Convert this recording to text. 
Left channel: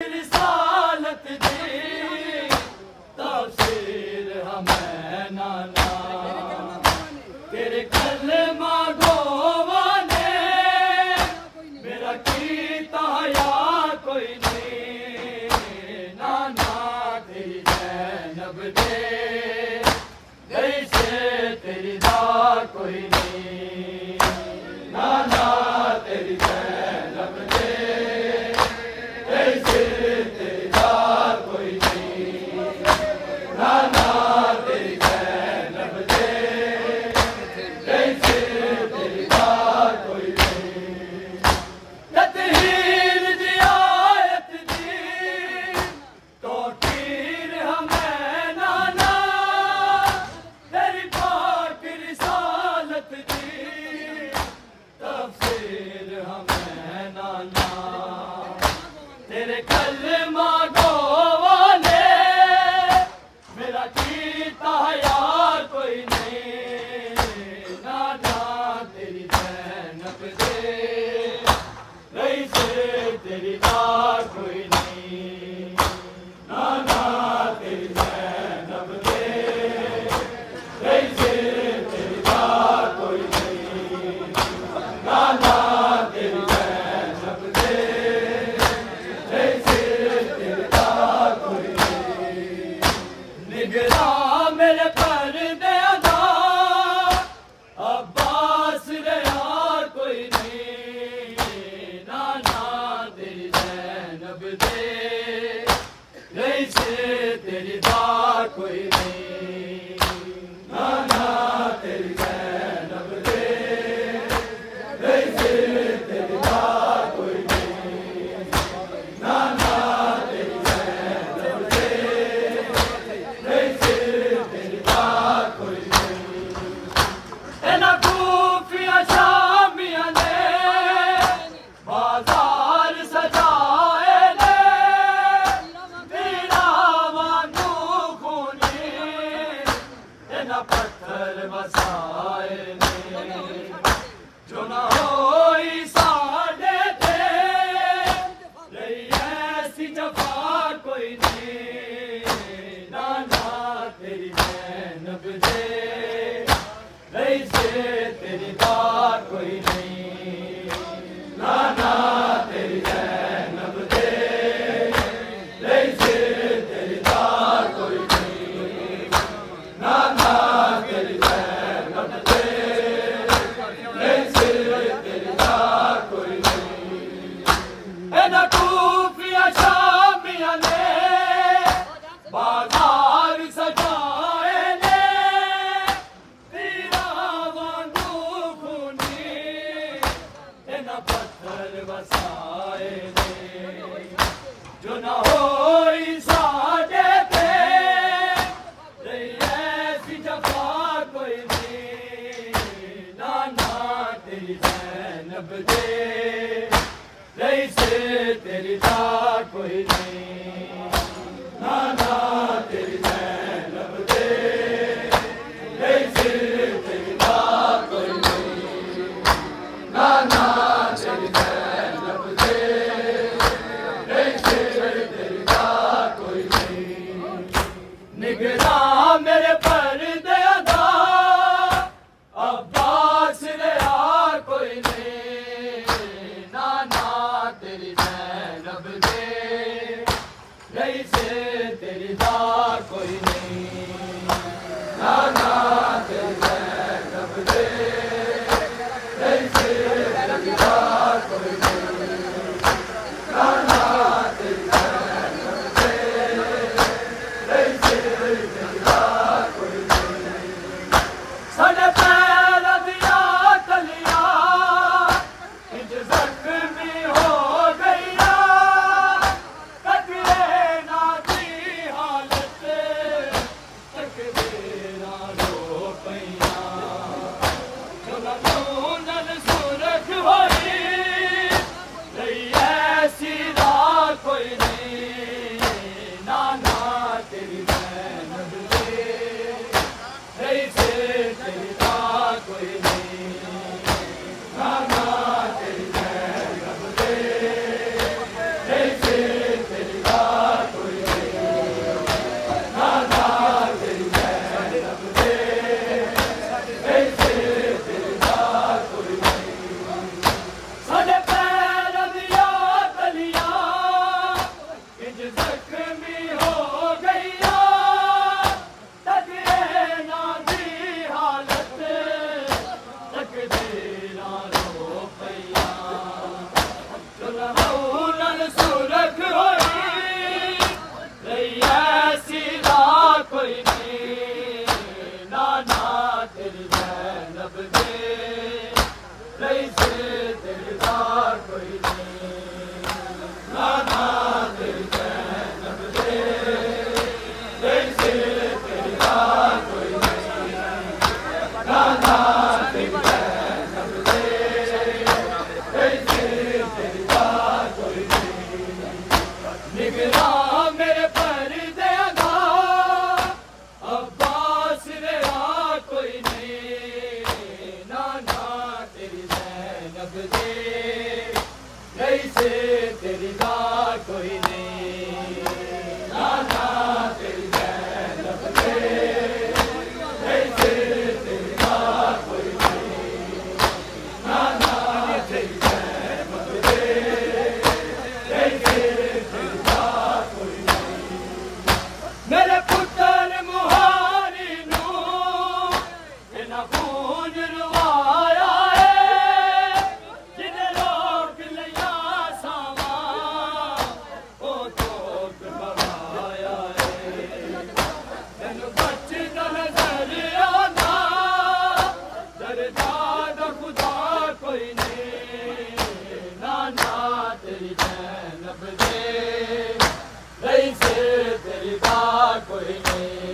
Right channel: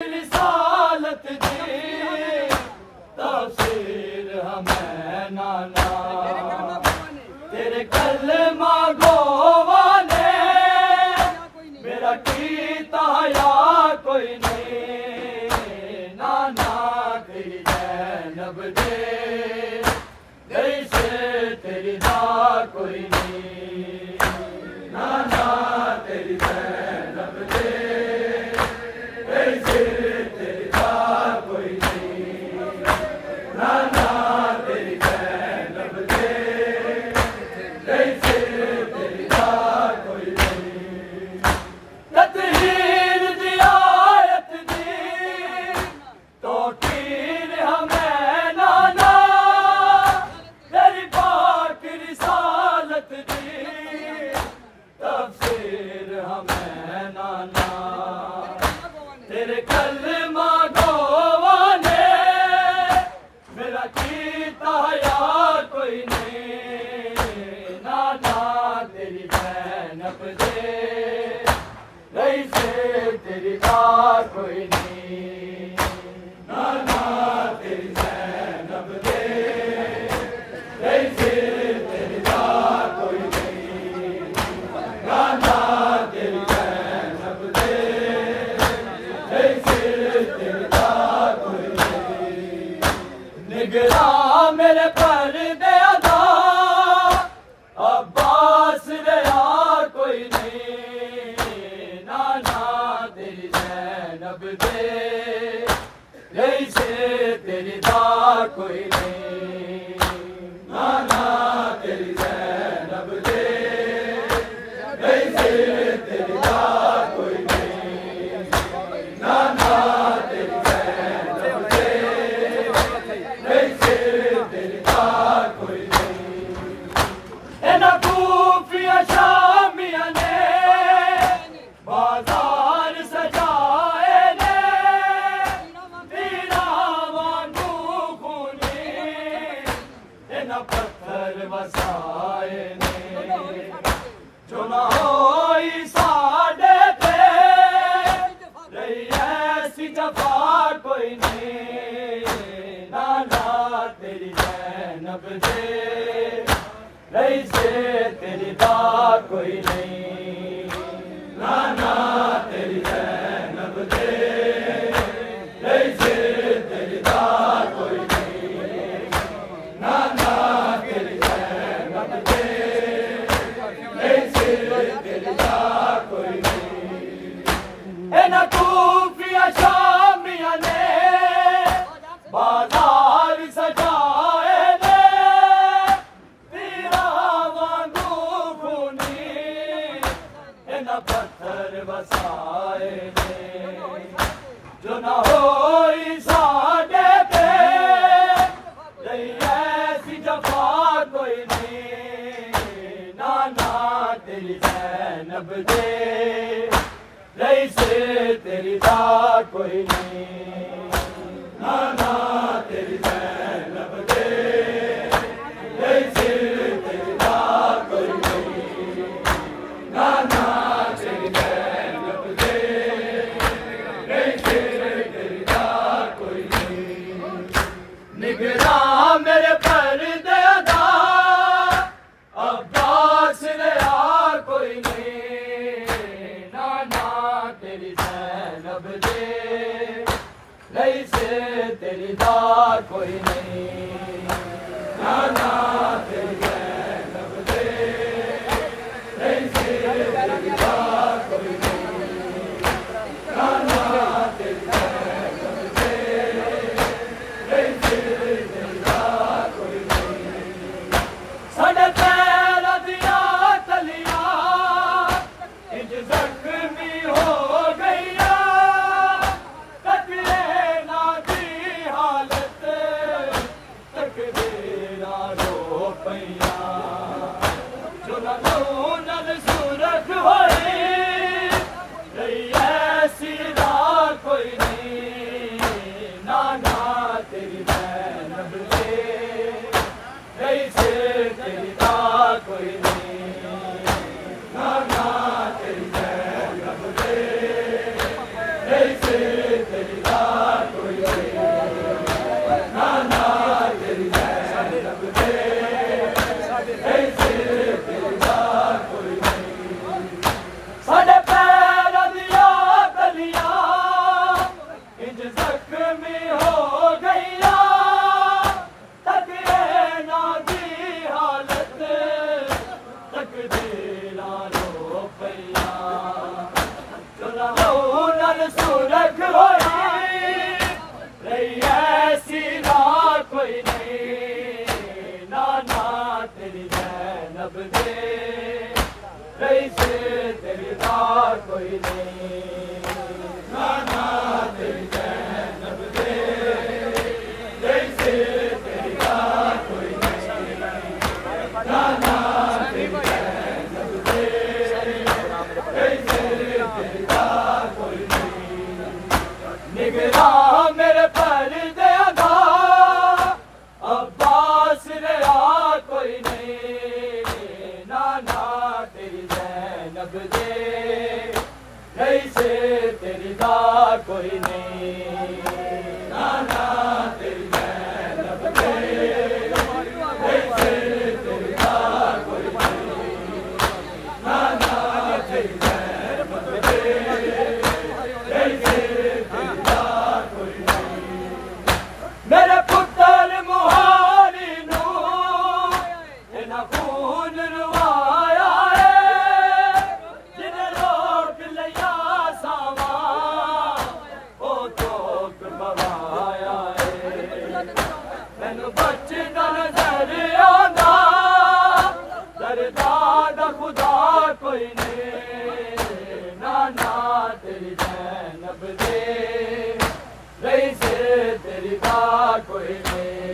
रिसालत दी तफसीर हमें नाना तेरे कलमा गोवा ने मेरा कीता या कोई नहीं नाना तेरी जैनब दे जैसे तेरी दा कोई नहीं नाना तेरी जैनब दे जैसे तेरी दा कोई नहीं नाना तेरी जैनब दे जैसे तेरी दा कोई नहीं तत्हीर दी आयत दी तो तीर हमें नाना तेरी पाक रिसालत दी तफसीर हमें नाना तेरे कलमा गोवा ने मेरा कीता या कोई नहीं नाना तेरी जैनब दे वैसे तेरी दा कोई नहीं नाना तेरी जैनब दे वैसे तेरी दा कोई नहीं नाना तेरी जैनब दे वैसे तेरी दा कोई नहीं निगरां मेरे पर्दे अदा अब्बास रहा कोई नहीं नाना तेरी जैनब दे वैसे तेरी दा कोई नहीं नाना तेरी जैनब दे वैसे तेरी दा कोई नहीं नाना तेरी जैनब दे वैसे तेरी दा कोई नहीं एना कूफिया शामिया ने बाजार सजाए ने तेरा वांगू खूनी एना पत्थर वसाए ने जो न होई साडे ते रही ऐसी जफा कोई नहीं नाना तेरी जैनब दे वैसे तेरी दा कोई नहीं नाना तेरी जैनब दे वैसे तेरी दा कोई नहीं नाना तेरी जैनब दे वैसे तेरी दा कोई नहीं एना कूफिया शामिया ने बाजार सजाए ने तेरा वांगू खूनी एना पत्थर वसाए ने जो न होई साडे ते रही ऐसी जफा कोई नहीं नाना तेरी जैनब दे जैसे तेरी दा कोई नहीं नाना तेरी जैनब दे जैसे तेरी दा कोई नहीं नाना तेरी जैनब दे जैसे तेरी दा कोई नहीं निगरां मेरे पर्दे अदा अब्बास रहा कोई नहीं नाना तेरी जैनब दे जैसे तेरी दा कोई नहीं नाना तेरी जैनब दे जैसे तेरी दा कोई नहीं नाना तेरी जैनब दे जैसे तेरी दा कोई नहीं साडे पैर दिया तलिया इंज जख्मी हो गईया तकरे ना दी हालत तकरे ना रो जिगरा मेरे पर देगा अब्बास रहा कोई नहीं नाना तेरी ज़ैनब दे नहीं से तेरी दा कोई नहीं नाना तेरी ज़ैनब दे नहीं से तेरी दा कोई नहीं नाना तेरी ज़ैनब दे नहीं से तेरी दा कोई नहीं मेरे पुत्र मुहारी नू इन्हां खून रुवाया है जिन्हें रोक लिया सावा ओ चौक बवाया है मैनू बचदा नजर आंदा दरदाद खुदा कोई नहीं नाना तेरी ज़ैनब दे नहीं से तेरी दा कोई नहीं